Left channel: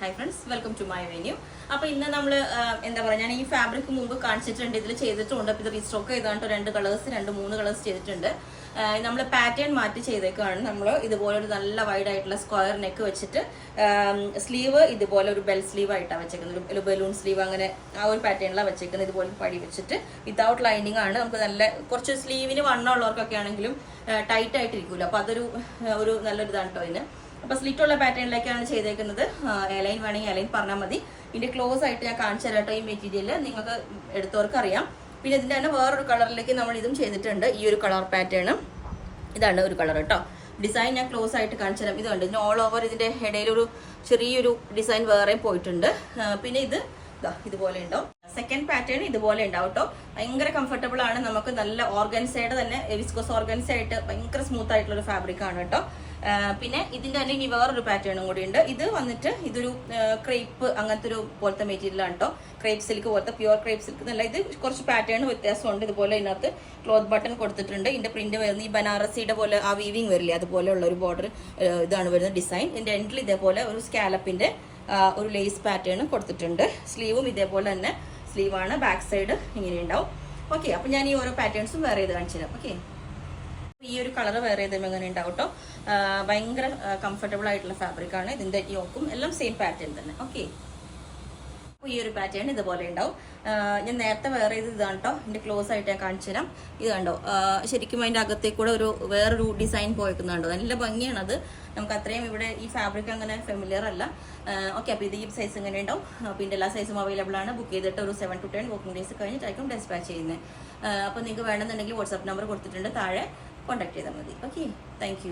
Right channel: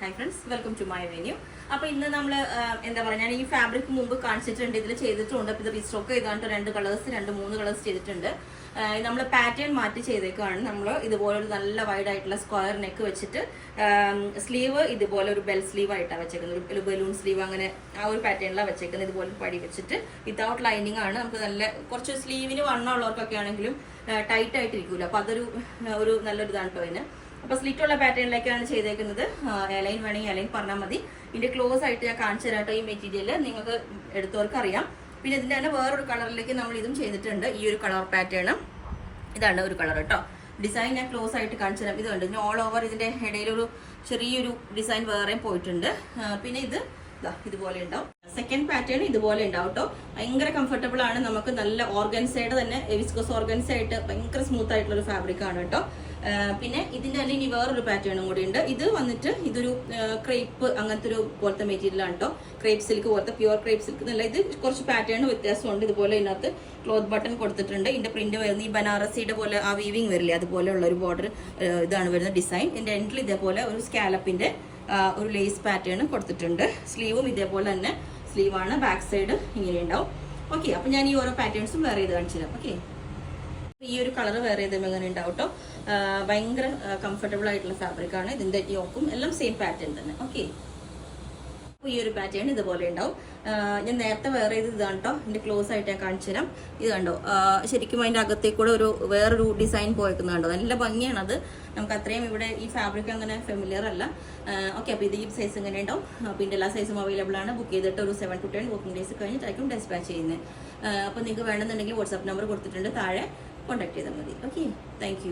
Hi friends, welcome to my venue. അപ്പൊ ഇന്ന് നമ്മൾ എന്താ പറയുക, ഞാൻ ഈ ഫാബ്രിക് മുമ്പ് കാണിച്ചിട്ടുണ്ട്, ഇതിൽ ചെയ്തിട്ടുണ്ട്. അപ്പൊ ഇത് റീസ്റ്റോക്ക് ചെയ്താണ്ട് 2 കളേഴ്സ് ചെയ്തിട്ടുണ്ട്. നമ്മൾ പാറ്റേൺ മാറ്റി ചെയ്തേക്കാണ്. നമ്മൾ ഇതുപോലെ ഒരു നല്ല വൈഡ് ആയിട്ടുള്ള സ്ക്വയർ നെക്ക് വെച്ചിട്ട് സ്ലീവ് ഇതുപോലെ ഒരു ബെൽ സ്ലീവ് ആയിട്ടാണ് വെച്ചേക്കുന്നത്, ഒരു ബലൂൺ സ്ലീവ്, അങ്ങനെ ആ ഒരു പാറ്റേണിലാണ് വെച്ചേക്കുന്നത്. ഇതുപോലെ പടി വെച്ചിട്ട് വിത്തൗട്ട് ലൈനിങ് ആണ്. നമുക്ക് നല്ല കുറച്ച് സ്ലീവിന് വണ്ണമുള്ളവർക്കൊക്കെ ആണെങ്കിലും ടൈറ്റ് ആയിട്ട് ഇരിക്കൂല. അപ്പൊ അതൊരു നല്ലൊരു ഇതാണ് കേട്ടോ ഇതിന്. അപ്പൊ സ്ലിറ്റ് ഉള്ള പാറ്റേണിലേക്കാണ് ചെയ്തേക്കുന്നത്. എലൈൻ വേണമെങ്കിൽ എലൈൻ പറഞ്ഞാൽ മതി. ഇതിന്റെ ക്ലോസ് ആയിട്ട് ഞാൻ കാണിച്ചു തരാം കേട്ടോ. ഈ മെറ്റീരിയൽ നിങ്ങൾക്ക് എടുത്തവർക്ക് അറിയാം. പിന്നെ ഇതിന്റെ തന്നെ വേറൊരു കളറിലേക്ക് നമ്മൾ ഇതും ചെയ്തിട്ടുണ്ട്. ഈ ഒരു കളർ പാറ്റേൺ ഇതാണ് ഒരു കളർ കേട്ടോ. ഡിസൈൻ ഞാൻ ക്ലോസ് ആയിട്ട് കാണിച്ചു തരാം. ഇതുണ്ട്, ഇതിന് ഓൾ ഓവർ ഇതിന്റെ ഇടയിലൊരു ചെറിയൊരു ഡിസൈൻ വേറെയും പോയിട്ടുണ്ട്. പിന്നെ ഇതുപോലെ ഉണ്ടാവും. സെക്കൻഡ് പാറ്റേൺ ഇതുപോലെ ഉണ്ടാവും കേട്ടോ. ഭയങ്കര കംഫർട്ടബിൾ ആണ്. നമുക്ക് നല്ല ഓർഗൻസയുടെ തന്നെ വിസ്കോസ് ഓർഗൻസ ആയിട്ട് ഭയങ്കര സ്മൂത്ത് ആയിട്ടുള്ള ഒരു ഫാബ്രിക് ആണ് കേട്ടോ. പിന്നെ ഇതിന്റെ തന്നെ ഇനി വേറൊരു പാറ്റേണും കൂടി ഉണ്ട്. ഇത് വന്നിട്ട് ഇതൊരു ക്രേപ്പ് അങ്ങനത്തെ ഒരു പോലത്തെ മെറ്റീരിയൽ ആണ് കേട്ടോ. ക്രേപ്പ് സിൽക്ക് പോലത്തെ പ്യുവർ ക്രേപ്പ് സിൽക്ക് എന്നല്ല, ഇത് കുറച്ച് പാറ്റേൺ വ്യത്യാസമുണ്ട്. ഇതുപോലെ ഇതിനകത്ത് ക്ലോത്ത് ബട്ടൺ കൊടുത്തിട്ടുണ്ട്. ഇതിന്റെ പ്രിന്റ് വരുന്നത് ഈ ബനാറസിയുടെ പോലെ ആ വീവിങ് വരില്ലേ, അതുപോലെയുള്ള ഒരു ബോർഡർ ഇതാണ് വരുന്ന ഡിസൈൻ. ഇതിന്റെ എൻഡിൽ ഇതേപോലെ ഒരു സ്കാലപ്പിന്റെ ഒരു ലേസ് പാറ്റേൺ കൊടുത്തിട്ടുണ്ട്. സ്ലീവും ഇതേപോലെ തന്നെ സ്ലീവാണ്. ബാക്ക് സൈഡ് ഇങ്ങനെ ഉണ്ടാവും. ഓക്കെ, അപ്പൊ ഞാൻ ഈ ഓരോ പാറ്റേൺസും വേറെ ചെയ്ത് കാണിച്ചു തരാം. ഓക്കെ, ഈ ഒരു കളർ വേറെ ചെയ്തും എങ്ങനെ ഉണ്ടാവും കേട്ടോ. ഭയങ്കര കംഫർട്ടബിൾ ആയിട്ടുള്ള ഫാബ്രിക് ആണ്. ഇതിന്റെ യോക്കും എല്ലാം സെയിം പാറ്റേൺ തന്നെ. ഓക്കെ, ഈ ഒരു പാറ്റേൺ ഇതുപോലെ ഉണ്ടാവും. ഞാൻ നേരത്തെ വേറെ ചെയ്ത് ഇതാണ് കേട്ടോ. ഇതിന്റെ ക്ലോസ് ആയിട്ട് ഞാൻ കാണിച്ചു തരാം. ഇത് കണ്ടോ, ശരിക്കും അതിന്റെ അകത്തേക്കൂടെ വേറൊരു ഡിസൈൻ പോയേക്കുന്നുണ്ടോ. നല്ല ഭംഗിയാണ് അത്. നമുക്ക് അത്രയും ഇവിടെ ഈ ഫാബ്രിക് അങ്ങനെ ഫെമിലിയർ അല്ല. ഓക്കെ, അപ്പോൾ ഇത് ഈ സൈസ് ഇങ്ങനെ ഉണ്ടാവും. പിന്നെ എല്ലാ സൈസും അവൈലബിൾ ആണ്. ബുക്ക് ചെയ്തിട്ട് ഒരു 7 to 10 വർക്കിംഗ് ഡേയ്സ് കഴിഞ്ഞിട്ടായിരിക്കും ഡിസ്പാച്ച് ചെയ്യുന്നത്. അപ്പോൾ നിങ്ങൾക്ക് വേണമെന്നുണ്ടെങ്കിൽ വാട്സാപ്പ് നമ്പർ കൊടുത്തിട്ടുണ്ട്, താഴെ കോൺടാക്ട് ചെയ്താൽ മതി. Okay, thank